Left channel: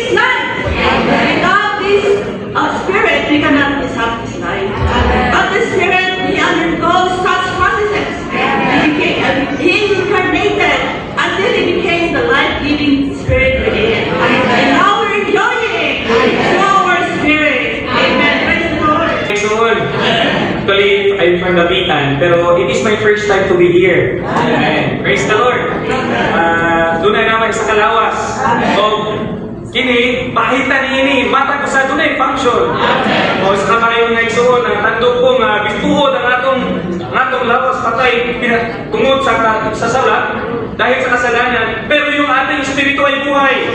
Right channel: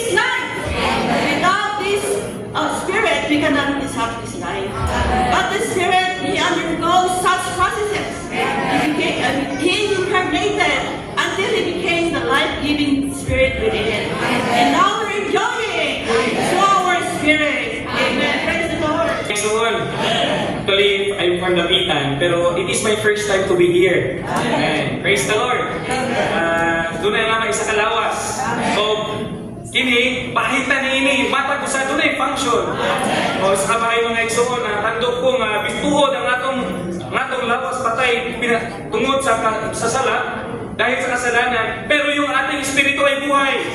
His life. Without this Spirit, we cannot have His life. But the Spirit, He undergoes such processes. He incarnated until He became the life-giving Spirit within. And now we're enjoying through our Spirit. Amen. Praise the Lord. Praise the Lord. Actually, I'm from Dapitan, pero it is my first time to be here. Amen. Praise the Lord. Doon na naman sa Kalawas. Kini, pahita ni ini, mata ko sa tunay function. Sa kamay mga isuon, tandok ko nga, bituhod ang atong lawas patay tungod sa sala, dahil sa kasalanan, pero yung ating espiritu ay buhay.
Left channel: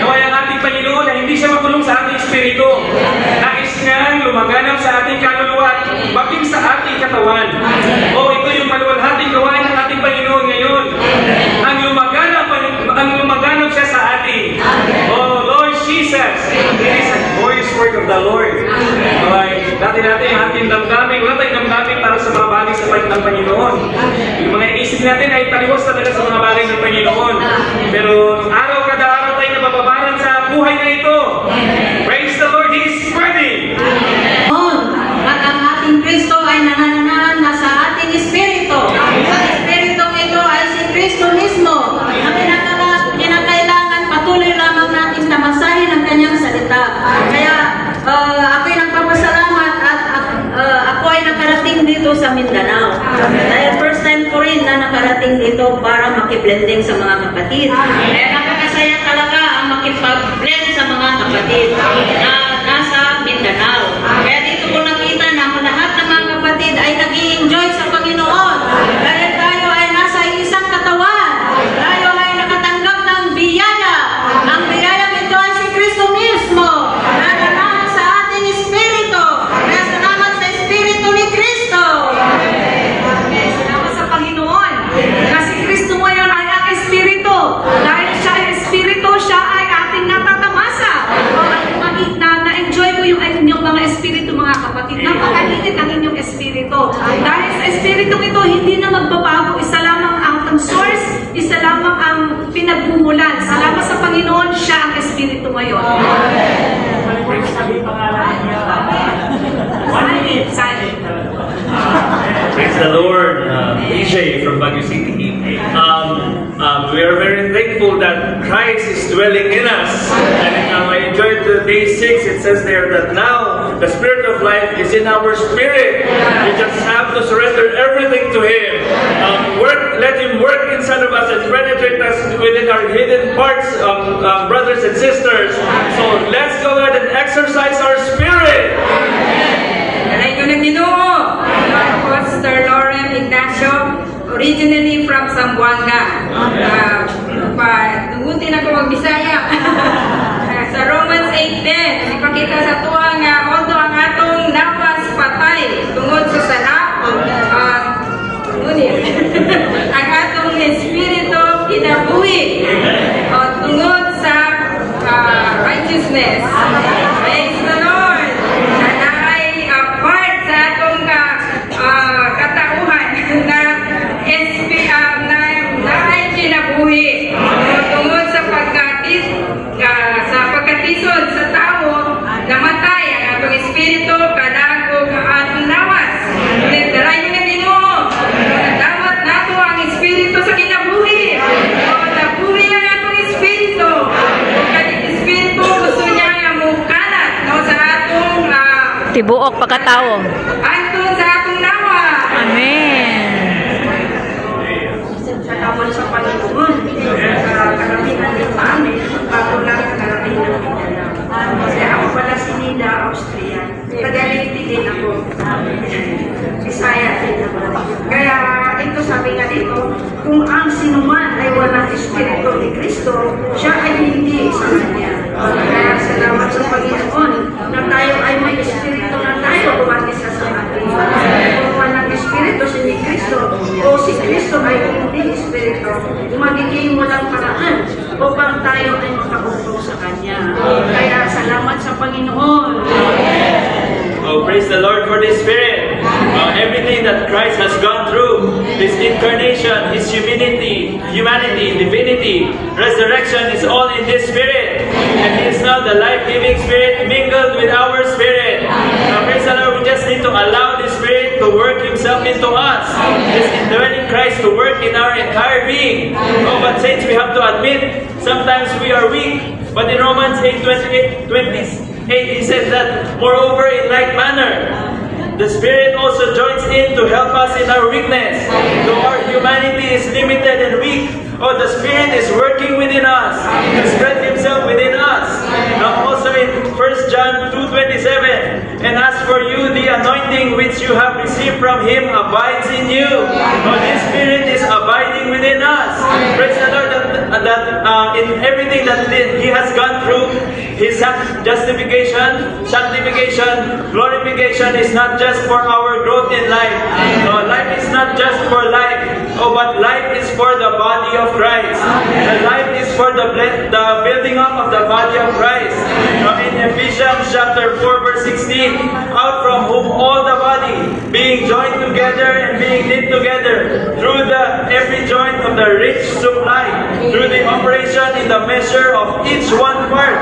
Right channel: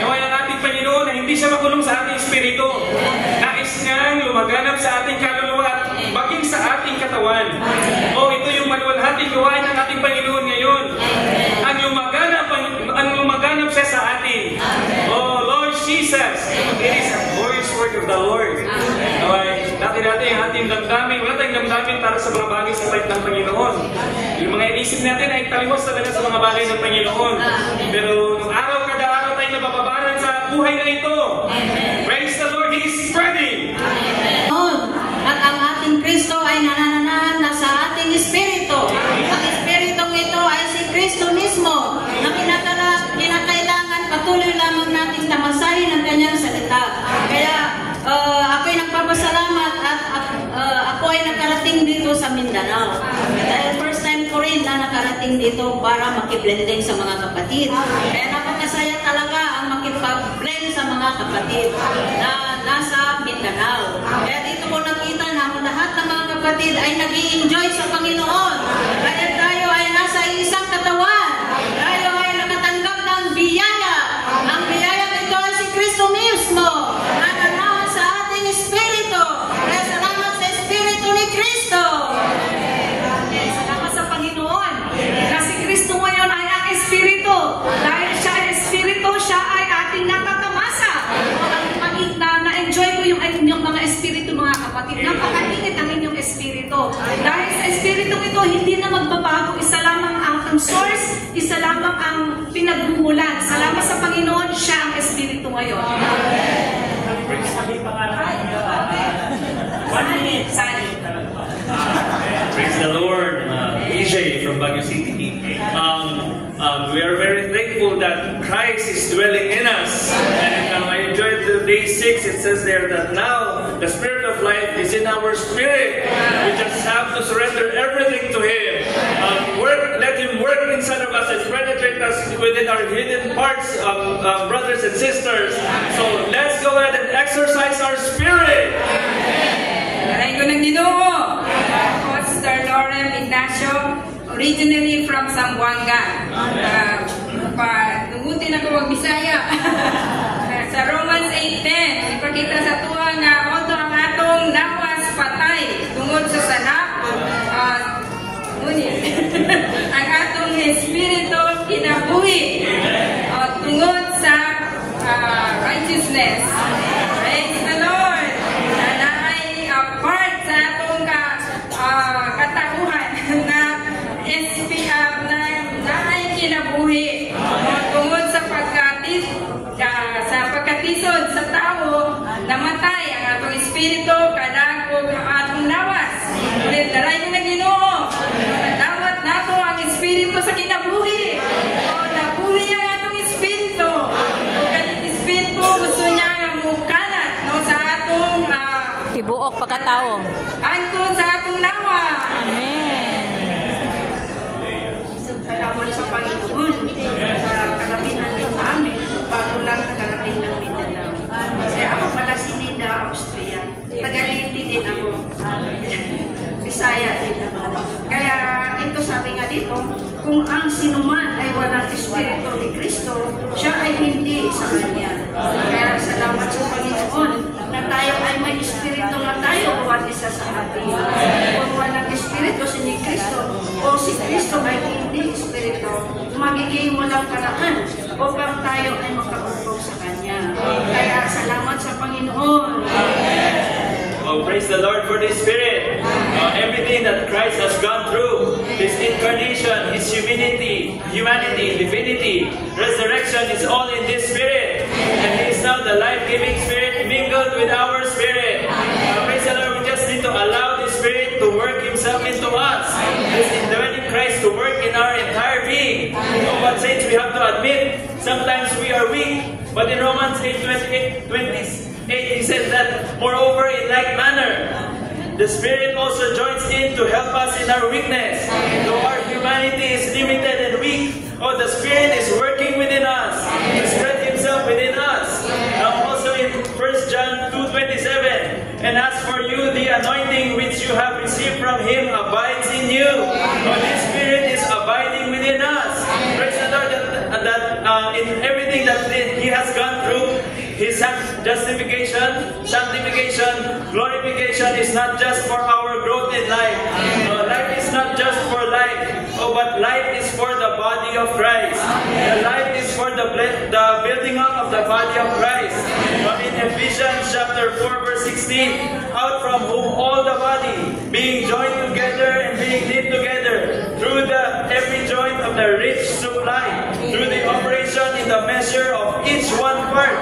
Naway ang ating Panginoon na hindi siya makulong sa ating espiritu. Nais niyang lumaganap sa ating kaluluwa, maging sa ating katawan. Ito yung maluwalhating gawain ng ating Panginoon ngayon. Ang lumaganap siya sa atin. Lord Jesus, it is a glorious work of the Lord. Dati natin ang ating damdamin, wala tayong damdamin para sa mga bagay sa part ng Panginoon. Yung mga isip natin ay taliwas talaga sa mga bagay ng Panginoon. Pero araw kada araw tayo nabababaran sa buhay na ito. Praise the Lord, He is worthy. At ang ating Kristo ay nanananahan na sa ating espiritu. Ang espiritong ito ay si Kristo mismo na kinakailangan patuloy lamang nating tamasahin ang kanyang salita. Kaya ako'y nagpapasalamat at ako ay nakarating dito sa Mindanao. Dahil first time ko rin na nakarating dito para makiblending sa mga kapatid. Kaya nakakasaya talaga ang makipag-blend sa mga kapatid na nasa Mindanao. Kaya dito ko nakita na lahat ng mga kapatid ay nag-i-enjoy sa Panginoon. Dahil tayo ay nasa isang katawan. Tayo ay nakatanggap ng biyaya. Ang biyaya nito ay si Kristo mismo. Naganahan sa ating espiritu. Kaya salamat sa espiritu ni Kristo. Salamat sa Panginoon. Kasi Kristo ngayon ay ang espiritu. Dahil siya ay espiritu, siya ay ating natatamasa. Na-enjoy ko yung inyong mga espiritu, mga kapatid. Napakainit ang inyong espiritu. Dahil sa espiritu ito, hindi na magbabago. Isa lamang ang source, isa lamang ang pinagmumulan. Salamat sa Panginoon, siya ang espiritu ngayon. Praise the Lord, DJ from Baguio City. We are very thankful that Christ is dwelling in us. And I enjoyed the day 6. It says there that now the Spirit of life is in our spirit. We just have to surrender everything to Him. Let Him work inside of us and penetrate us within our hidden parts, brothers and sisters. So let's go ahead and exercise our spirit. Aray ko ng Ginoo, Pastor Lauren Ignacio, originally from Zamboanga. Tungutin ako mag-Bisaya. Sa Romans 8:10, ipakita sa tuwa nga, although ang atong lawas patay tungod sa sala, ang atong espiritu kinabuhi tungod sa righteousness. Praise the Lord! Part sa atong katauhan na ay kinabuhi tungod sa pagkatisod sa tao, namatay ang atong espiritu kadagog ang atong lawas. Ngunit daray ko ng Ginoo, dawat nato ang espiritu sa kinabuhi. Nabuhi ang atong espiritu. Kaning espiritu gusto niya nga mukalat sa atong Tibuok pagkatao. antun sa atong lawa. Amen. Salamat sa Panginoon. Karamihan din pa amin, bago lang nakarating ng Mindanao. Kasi ako pala si Linda, Austria. Tagaliti din ako. Bisaya din ako. Kaya ito sabi nga dito, kung ang sinuman ay walang espiritu ni Kristo, siya ay hindi sa Kanya. Kaya salamat sa Panginoon na tayo ay may espiritu na tayo bawat isa sa atin. Kung walang espiritu si Kristo o si Kristo ay hindi espiritu, magiging walang paraan upang tayo ay makaupo sa Kanya. Kaya salamat sa Panginoon. Oh, praise the Lord for this Spirit. Everything that Christ has gone through, His incarnation, His humanity, divinity, resurrection is all in this Spirit. And He is now the life-giving Spirit mingled with our spirit. Praise the Lord, we just need to allow the Spirit to work Himself into us. This indwelling Christ to work in our entire being. But saints, we have to admit, sometimes we are weak. But in Romans 8:28, he says that, moreover, in like manner, the Spirit also joins in to help us in our weakness. Though our humanity is limited and weak, the Spirit is working within us. He spread Himself within us. Also in 1 John 2:27, and as for you, the anointing which you have received from Him abides in you. This Spirit is abiding within us. Praise the Lord that in everything that He has gone through, His justification, sanctification, glorification is not just for our growth in life. Life is not just for life, but life is for the body of Christ. Life is for the building up of the body of Christ. In Ephesians chapter 4 verse 16, out from whom all the body, being joined together and being knit together through every joint of the rich supply, through the operation in the measure of each one part,